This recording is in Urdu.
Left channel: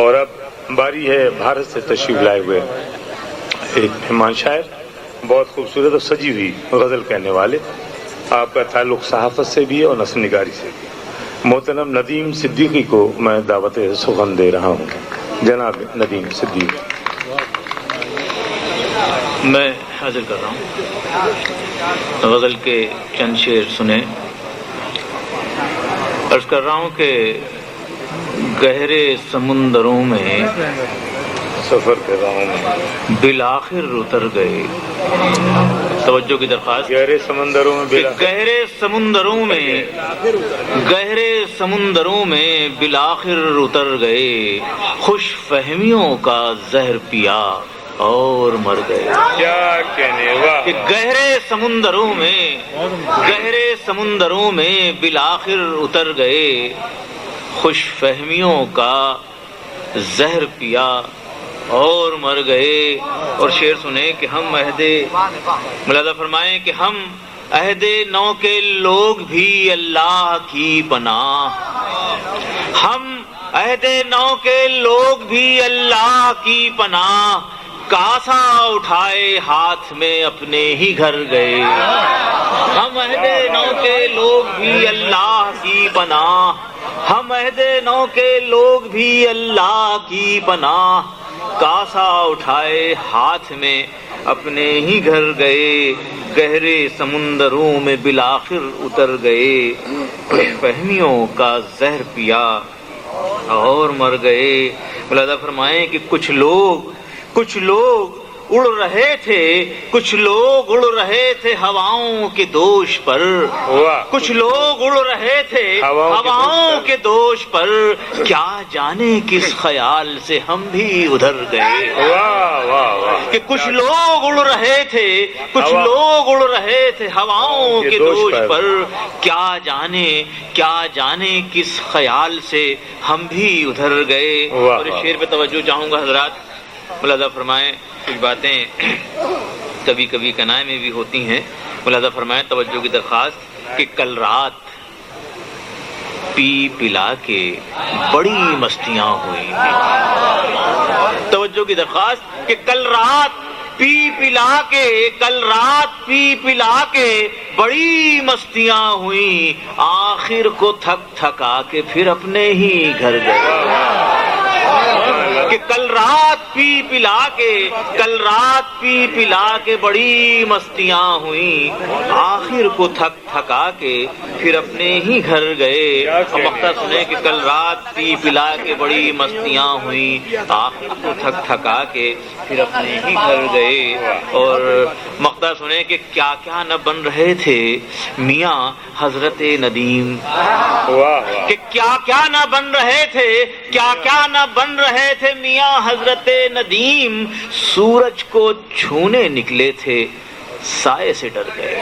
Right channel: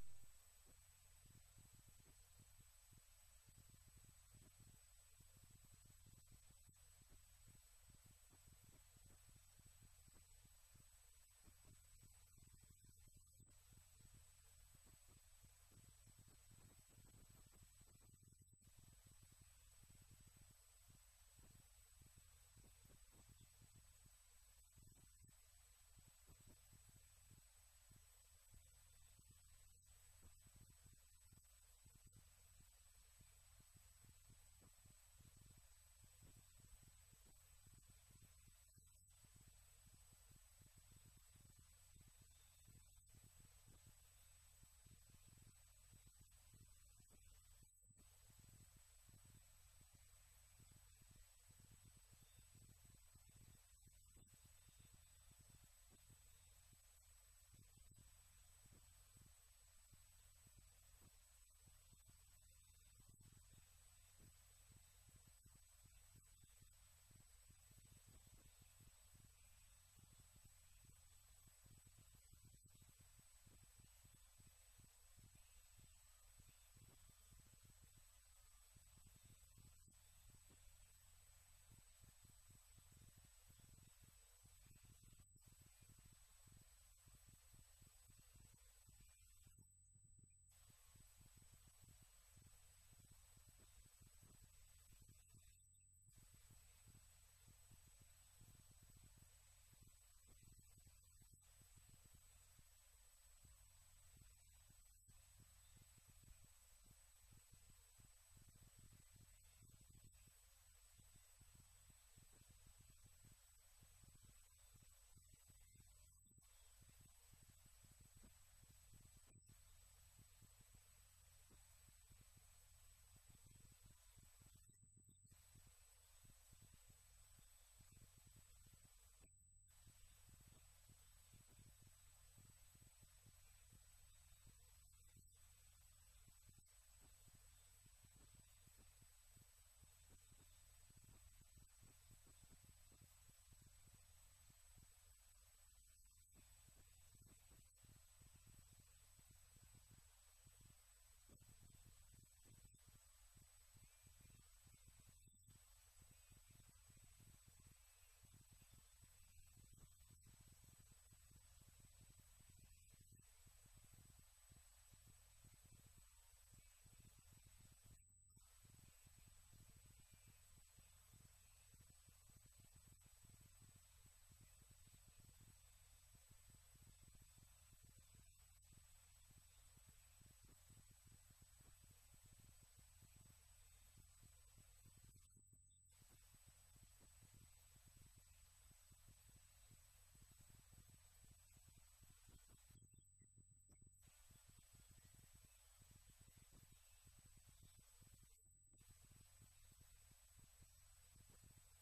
اور اب باری ہے بھارت سے تشریف لائے ہوئے ایک مہمان شاعر، بہت خوبصورت اور سجی ہوئی غزل کہنے والے. آپ کا تعلق صحافت سے بھی ہے اور نثر نگاری سے بھی. محترم ندیم صدیقی کو میں دعوت سخن دے رہا ہوں. جناب ندیم صدیقی. میں حاضر کر رہا ہوں. غزل کے چند شعر سنیں. عرض کر رہا ہوں کہ گہرے سمندروں میں سفر کر رہا ہوں میں، بالآخر اتر گئے. توجہ کی درخواست. گہرے سمندروں میں گہرے سمندروں میں بالآخر اتر گئے. خوش فہمیوں کا زہر پیا اور مر گئے. کیا کہنے واہ. کہ گہرے سمندروں میں بالآخر اتر گئے. خوش فہمیوں کا زہر پیا اور مر گئے. اور شعر سنیں کہ ہم ملاحظہ فرمائیں کہ ہم عہد نو کے لوگ بھی اللہ کی پناہ. ہم عہد نو کے لوگ بھی اللہ کی پناہ. کاسا اٹھائے ہاتھ میں اپنے ہی گھر گئے. ہم عہد نو کے لوگ بھی اللہ کی پناہ. ہم عہد نو کے لوگ بھی اللہ کی پناہ. کاسا اٹھائے ہاتھ میں اپنے ہی گھر گئے. گہرے سمندروں میں بالآخر اتر گئے. خوش فہمیوں کا زہر پیا اور مر گئے. ملاحظہ فرمائیں کہ کچھ لوگ اڑ رہے تھے ہواؤں کے دوش پر. کچھ لوگ اڑ رہے تھے ہواؤں کے دوش پر. کیا جانے کس خیال سے ہم بھی ادھر گئے. کہ کچھ لوگ اڑ رہے تھے ہواؤں کے دوش پر. کیا جانے کس خیال سے ہم بھی ادھر گئے. اور اس شعر پہ توجہ چاہوں گا حضرات. ملاحظہ فرمائیں کچھ باتیں کبھی کبھی کنائے میں بھی ہوتی ہیں. ملاحظہ فرمائیں توجہ کی درخواست کہ کل رات پی پلا کے بڑی مستیاں ہوئی. توجہ کی درخواست کہ کل رات پی پلا کے بڑی مستیاں ہوئیں. آخر کو تھک تھکا کے پھر اپنے ہی گھر گئے. کہ کل رات پی پلا کے بڑی مستیاں ہوئیں. آخر کو تھک تھکا کے پھر اپنے ہی گھر گئے. اور مقطع سنیں کہ کل رات پی پلا کے بڑی مستیاں ہوئیں. آخر کو تھک تھکا کے پھر اپنے ہی گھر گئے. اور مقطع سنیں کہ کیا کیا نہ بن رہے تھے میاں حضرت ندیم. کہ کیا کیا نہ بن رہے تھے میاں حضرت ندیم. سورج کو چھونے نکلے تھے سائے سے ڈر گئے.